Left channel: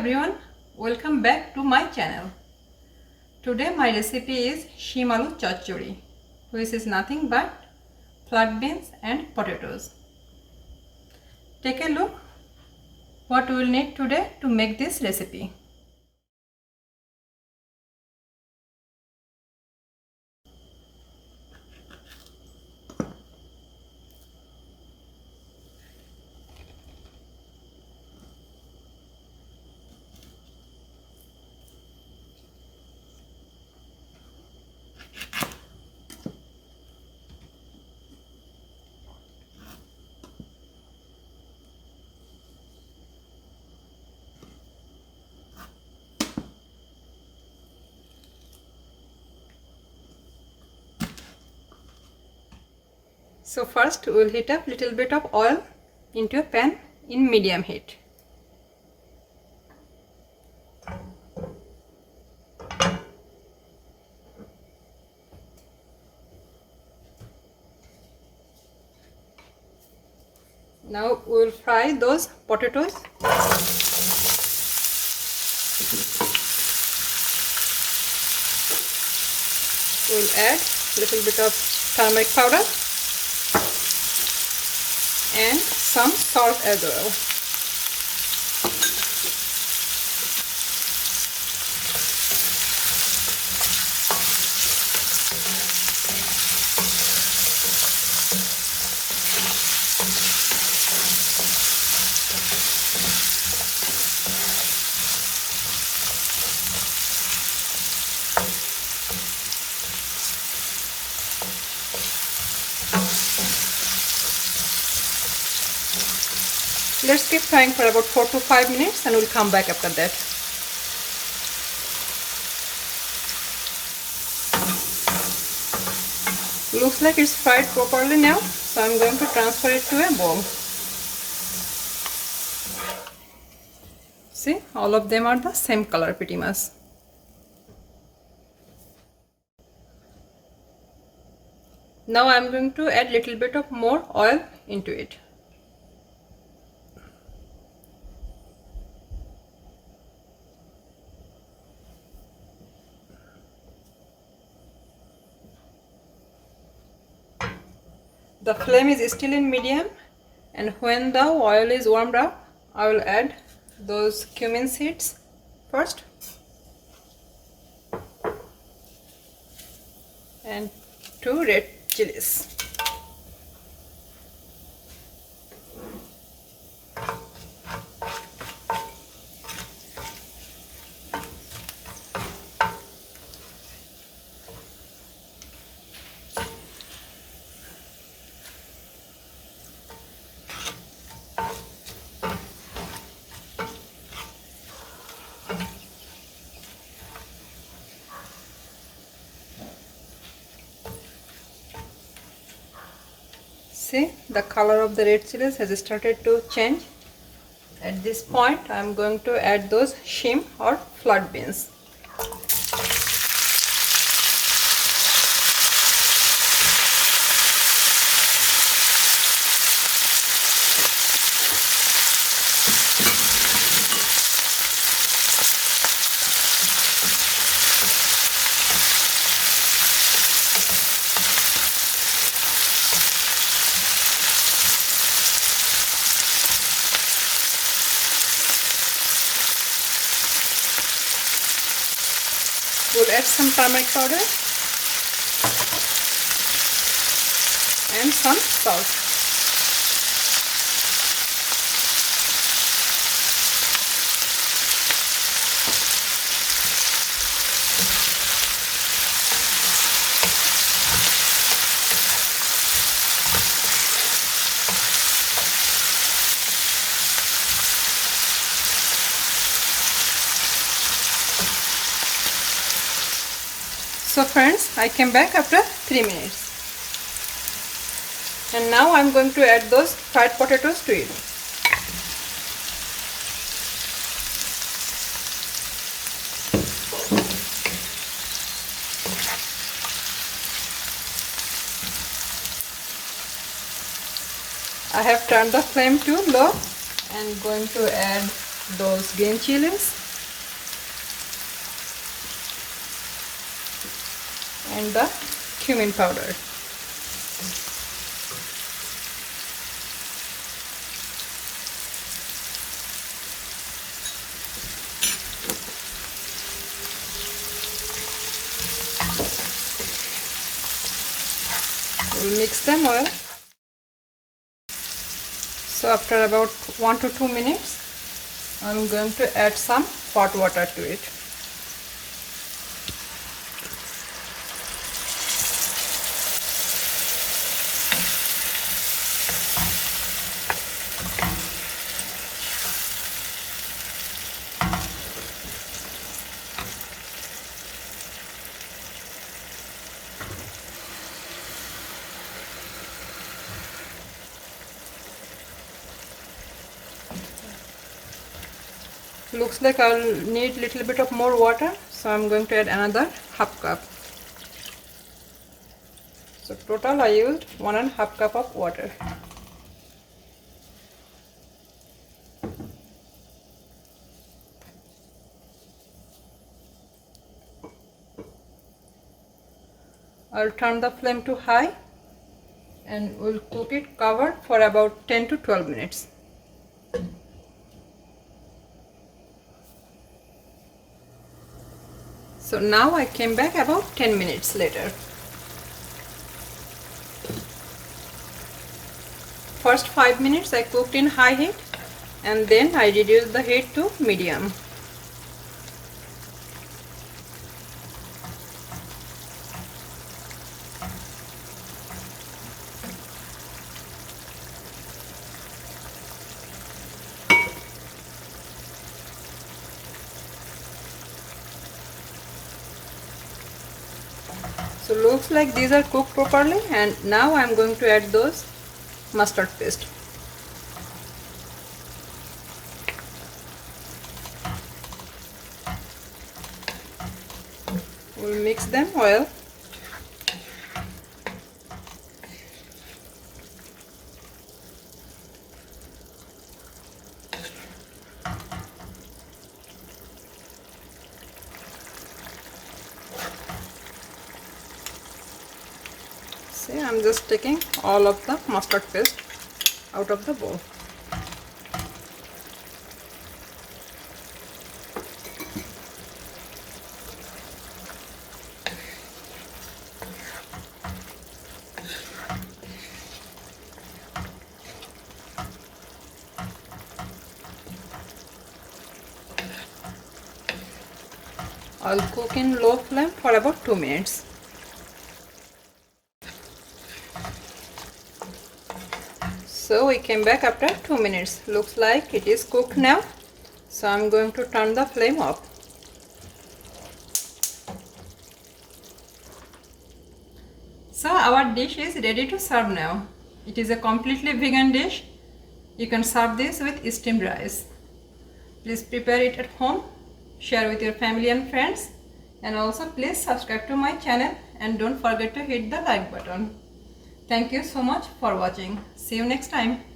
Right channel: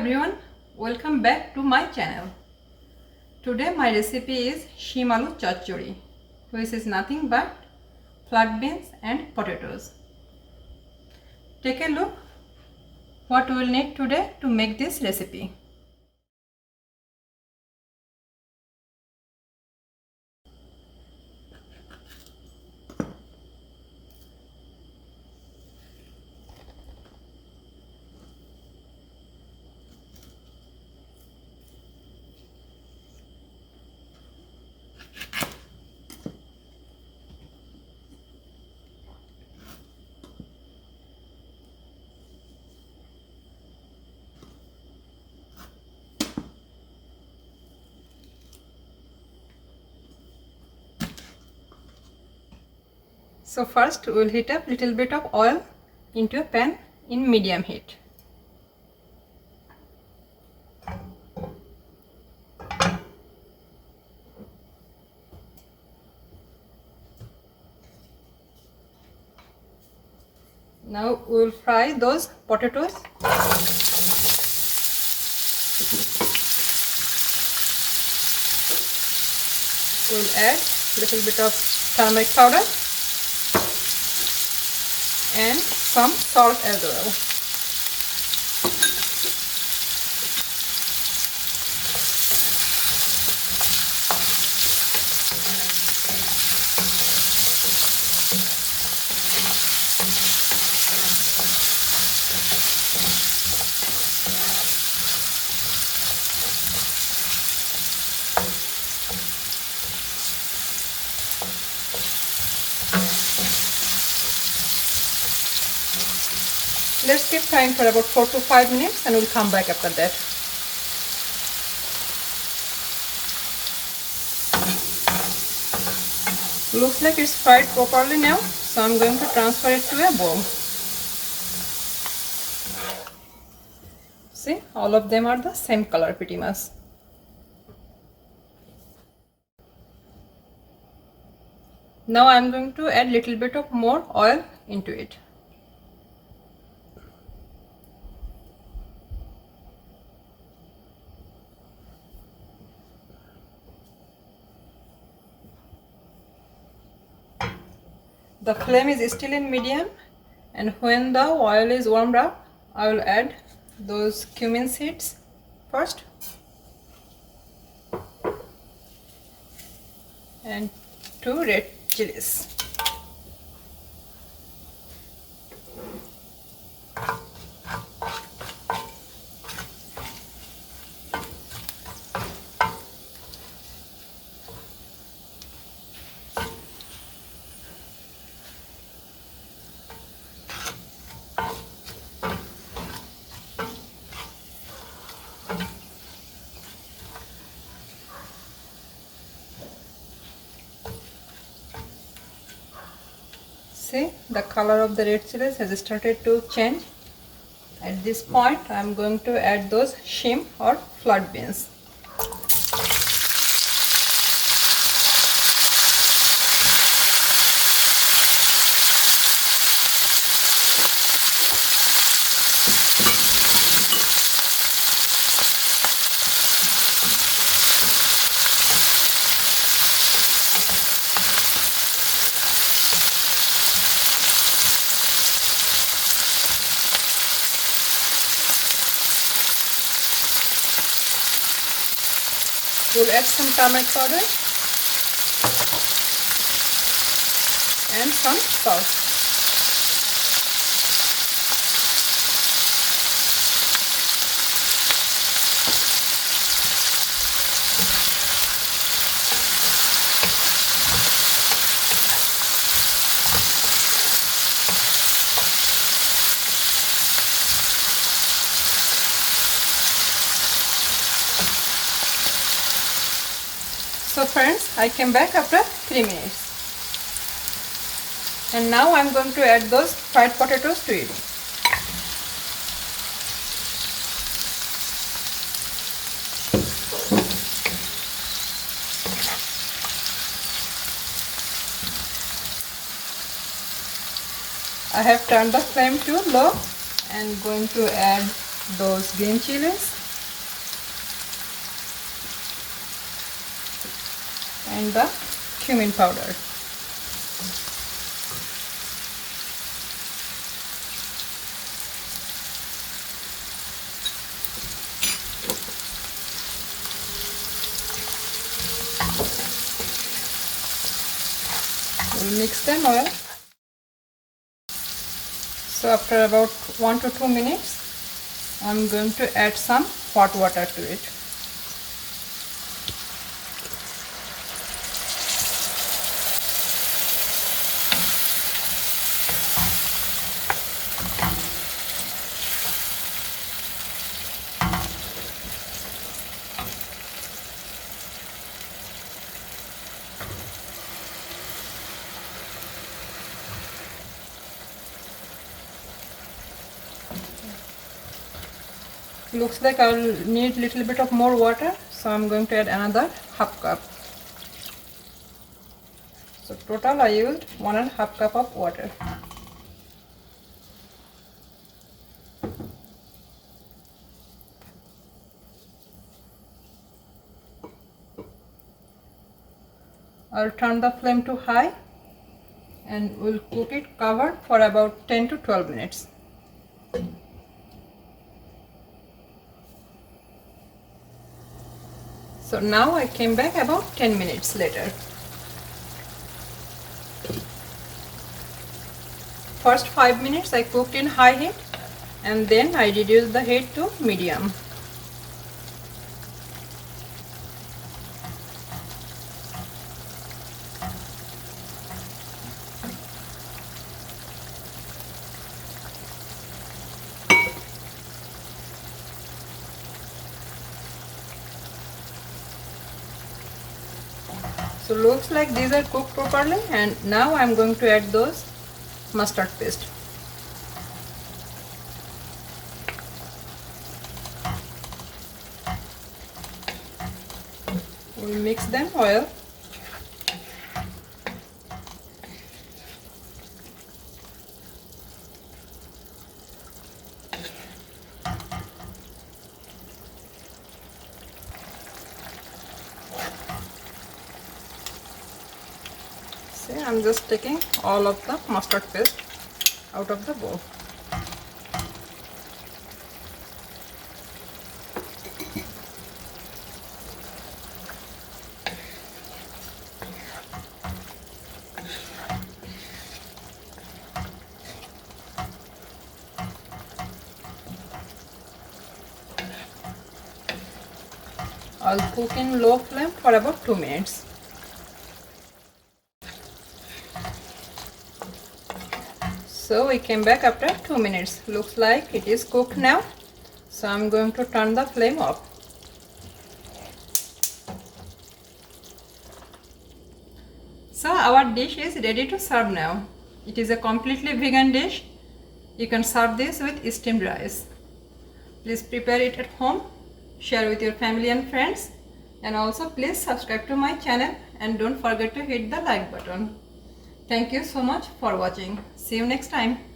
everyone, welcome back to my channel. Today my recipe is Shim Aloor Chocchori, which is nothing but flat beans and potatoes. Take a look what we will need today to make this recipe. So first we will heat up little bit of oil into a pan in medium heat. Now we will fry those potatoes. We will add little bit of turmeric powder and some salt as well. Let's keep frying for about 4 to 5 minutes and we'll come back after that. Looks like it's fried properly now, so I'm going to transfer it to a bowl. See, all of them are the same color pretty much. Now I'm going to add little bit of more oil into it. The flame is still in medium, and when the oil is warmed up, I will add those cumin seeds first and 2 red chilies. See, the color of the red chilies has started to change. At this point, I am going to add those shim or flat beans. We'll add some turmeric powder and some salt. So friends, I came back after 3 minutes. And now I'm going to add those fried potatoes to it. I have turned the flame to low and going to add those green chilies and the cumin powder. We'll mix them well. So after about 1 to 2 minutes, I'm going to add some hot water to it. Looks like I'll need a little bit of more water, so I'm going to add another half cup. So total I used 1.5 cup of water. I'll turn the flame to high and we'll cook it covered for about 10 to 12 minutes. So now I came back about 10 minutes later. First 5 minutes I cooked in high heat and then I reduced the heat to medium. So looks like these are cooked properly, and now I am going to add those mustard paste. We'll mix them well. See, I'm just taking all of the mustard paste out of the bowl. I'll cook in low flame for about 2 minutes. So we came back after 2 minutes. Looks like it is cooked now. So I'm going to turn the flame off. So our dish is ready to serve now. It is a completely vegan dish. You can serve this with steamed rice. Please prepare it at home. Share with your family and friends. And also please subscribe to my channel and don't forget to hit the like button. Thank you so much for watching. See you next time.